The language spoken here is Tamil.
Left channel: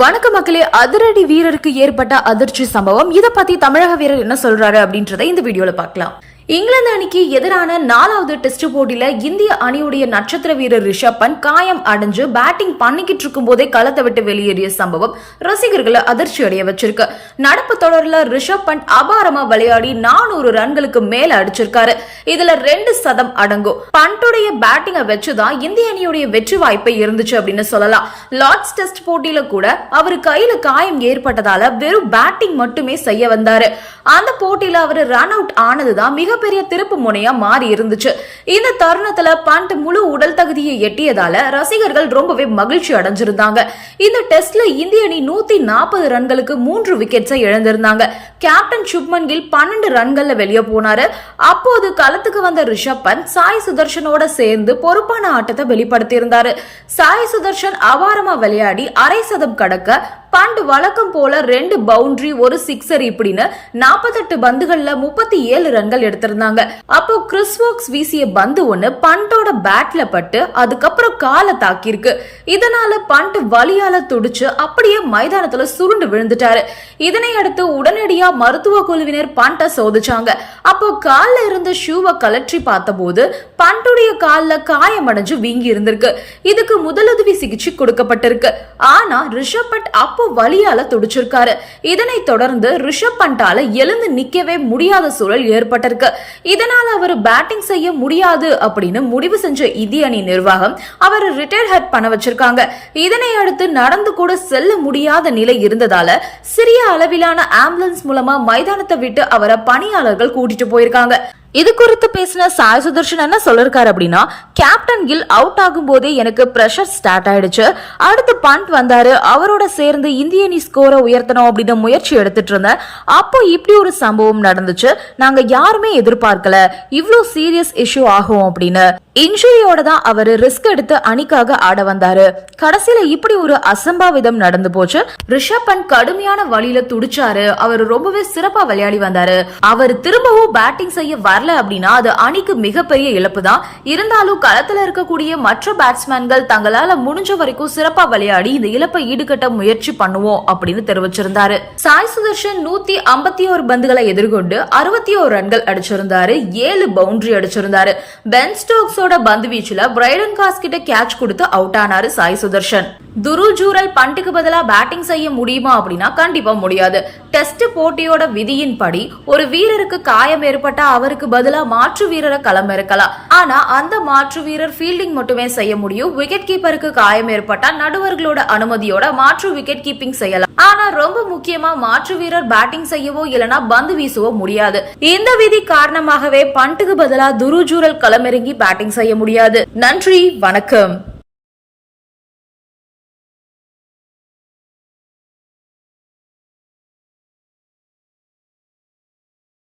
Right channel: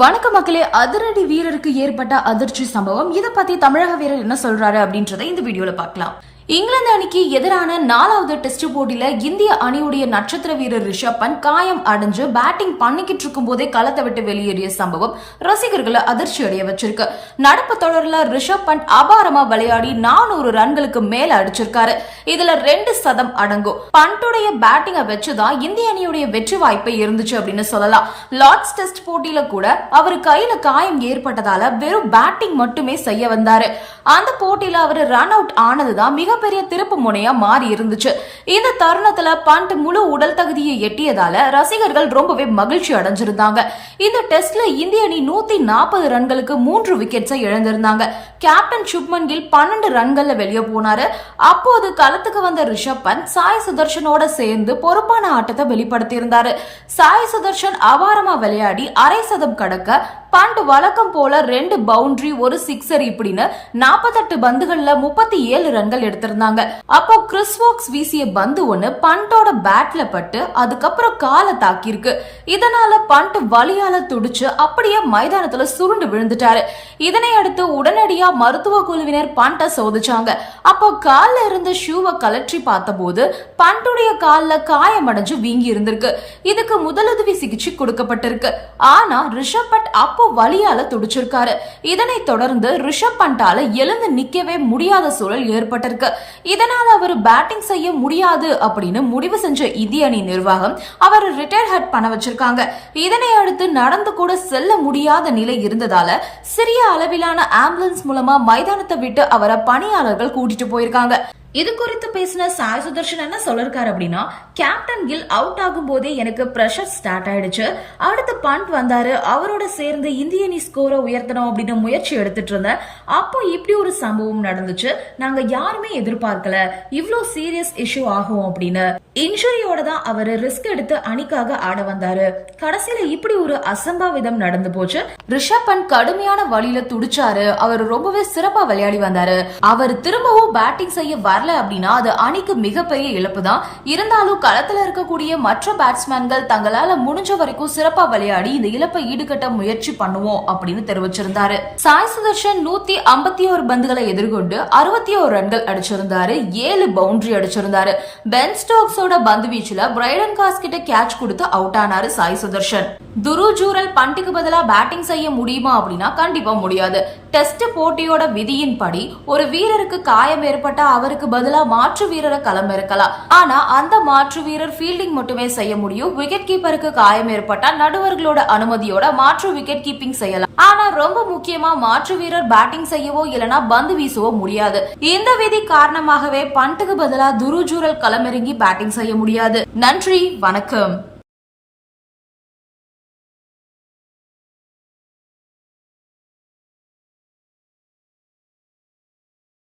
வணக்க மக்களே அதிரடி வீரருக்கு ஏற்பட்ட அதிர்ச்சி சம்பவம். இதை பத்தி தமிழக வீரர் என்ன சொல்றாரு அப்படின்றத இந்த வீடியோல பார்க்கலாம். இங்கிலாந்து அணிக்கு எதிரான நாலாவது டெஸ்ட் போட்டியில இந்திய அணியுடைய நட்சத்திர வீரர் ரிஷப் பந்த் காயம் அடைஞ்சு பேட்டிங் பண்ணிக்கிட்டு இருக்கும் போதே களத்தை விட்டு வெளியேறிய சம்பவம் ரசிகர்களை அதிர்ச்சி அடைய வச்சிருக்கு. நடப்பு தொடர்ல ரிஷப் பந்த் அபாரமா விளையாடி நானூறு ரன்களுக்கு மேல அடிச்சிருக்காரு. இதுல ரெண்டு சதம் அடங்கும். பண்ட்டுடைய பேட்டிங்கை வச்சுதான் இந்திய அணியுடைய வெற்றி வாய்ப்பை இருந்துச்சு அப்படின்னு சொல்லலாம். லார்ட்ஸ் டெஸ்ட் போட்டியில கூட அவர் கையில காயம் ஏற்பட்டதால வெறும் பேட்டிங் மட்டுமே செய்ய வந்தாரு. அந்த போட்டியில அவர் ரன் அவுட் ஆனதுதான் மிகப்பெரிய திருப்பு முனையா மாறி இருந்துச்சு. இந்த தருணத்துல பண்ட் முழு உடல் தகுதியை எட்டியதால ரசிகர்கள் ரொம்பவே மகிழ்ச்சி அடைஞ்சிருந்தாங்க. இந்த டெஸ்ட்ல இந்திய அணி நூத்தி நாற்பது ரன்களுக்கு மூன்று விக்கெட்ஸை இழந்திருந்தாங்க. கேப்டன் சுப்மன் கில் பன்னெண்டு ரன்கள்ல வெளியே போனாரு. அப்போது களத்துக்கு வந்த ரிஷப் பந்த் சாய் சுதர்ஷனோட சேர்ந்து பொறுப்பான ஆட்டத்தை வெளிப்படுத்தியிருந்தாரு. சாய் சுதர்ஷன் அபாரமா விளையாடி அரை சதம் கடக்க பண்ட் வழக்கம் போல ரெண்டு பவுண்டரி ஒரு சிக்ஸர் இப்படின்னு நாற்பத்தெட்டு பந்துகள்ல முப்பத்தி ஏழு ரன்கள் எடுத்திருந்தாங்க. அப்போ கிறிஸ்வோக்ஸ் வீசிய பந்து ஒண்ணு பண்டோட பேட்ல பட்டு அதுக்கப்புறம் காலை தாக்கியிருக்கு. இதனால பண்ட் வலியால துடிச்சு அப்படியே மைதானத்துல சுருண்டு விழுந்துட்டாரு. இதனை அடுத்து உடனடியா மருத்துவ குழுவினர் பண்ட சோதிச்சாங்க. அப்போ கால்ல இருந்த ஷூவை கலற்றி பார்த்தபோது பண்டுடைய கால்ல காயமடைஞ்சு வீங்கி இருந்திருக்கு இதுக்கு முதலுதவி சிகிச்சை கொடுக்கப்பட்டிருக்கு. ஆனா ரிஷப் பட் அப்போ வலியால துடிச்சிருக்காரு. இதனை தொடர்ந்து ரிஷப் பண்டால எழுந்து நிக்கவே முடியாத சூழல் ஏற்பட்டிருக்கு. இதனால அவர் பேட்டிங் செய்ய முடியாது அப்படின்னு முடிவு செஞ்ச இந்திய அணி நிர்வாகம் அவர் ரிட்டையர் ஹெட் பண்ண வச்சிருக்காங்க. இதனை அடுத்து நடந்து கூட செல்ல முடியாத நிலை இருந்ததால சிறிய அளவிலான ஆம்புலன்ஸ் மூலமா மைதானத்தை விட்டு அவரை பணியாளர்கள் கூட்டிட்டு போயிருக்காங்க. இது குறித்து பேசின சாய் சுதர்ஷன் என்ன சொல்லிருக்காரு அப்படின்னா கேப்டன் கில் அவுட் ஆகும் போதே எனக்கு ப்ரெஷர் ஸ்டார்ட் ஆயிடுச்சு. அடுத்து பண்ட் வந்தாரு அவரோட சேர்ந்து இந்திய அணி ஸ்கோரை உயர்த்தணும் அப்படின்னு முயற்சி எடுத்துட்டு இருந்தேன். அப்போ இப்படி ஒரு சம்பவம் நடந்துச்சு. நாங்க யாருமே எதிர்பார்க்கல. இவ்ளோ சீரியஸ் இஷ்யூ ஆகும் அப்படின்னு. இன்ஜுரியோட தான் அவர் ரிஸ்க் எடுத்து அணிக்காக ஆட வந்தாரு. கடைசியில இப்படி ஒரு அசம்பாவிதம் நடந்து போச்சு. ரிஷப் பண்ட் கடுமையான வழியில துடிச்சாரு. அவர் ரொம்பவே சிறப்பா விளையாடி வந்தாரு. அவர் திரும்பவும் பேட்டிங் செய்ய வரல அப்படின்னா அது அணிக்கு மிகப்பெரிய இழப்பு தான் இருந்தாலும் களத்துல இருக்கக்கூடிய மற்ற பேட்ஸ்மேன்கள் தங்களால முடிஞ்ச வரைக்கும் சிறப்பா விளையாடி இந்த இழப்பை ஈடுகட்ட முயற்சி பண்ணுவோம் அப்படின்னு தெரிவிச்சிருந்தாரு. சாய் சுதர்ஷன் நூத்தி ஐம்பத்தி ஒரு பந்துகளை எதிர்கொண்டு அறுபத்தி ஒரு ரன்கள் அடிச்சிருந்தாரு. ஏழு பவுண்டரி அடிச்சிருந்தாரு. பென் ஸ்டோக்ஸோட பந்து வீச்சுல பிரைடன் காஸ் கிட்ட கேட்ச் கொடுத்து அவுட் ஆனாரு சாய் சுதர்ஷன். துரு ஜூரல் பண்ட்டுக்கு பதிலா பேட்டிங் செய்ய முடியுமா அப்படின்னா கண்டிப்பா முடியாது. டெஸ்ட் போட்டியோட விதியின்படி ஒரு வீரருக்கு காயம் ஏற்பட்டா அவருக்கு பதிலா மாற்று வீரரை களம் இருக்கலாம் ஆனா அந்த மாற்று வீரர் ஃபீல்டிங் மட்டுமே செய்ய முடியும். விக்கெட் கீப்பருக்கு காயம் ஏற்பட்டா நடுவர்களோட அனுமதியோட மாற்று விக்கெட் கீப்பிங் செய்யலாம். ஆனா ரொம்ப முக்கியமா மாற்று வீரர் பேட்டிங் செய்யவோ இல்லனா பந்து வீசவோ முடியாது. இந்த விதி காரணமாகவே பண்ட்டுக்கு பதிலா துருஜூரல் களமிறங்கி பேட்டிங் செய்ய முடியாது. நன்றி வணக்கம்.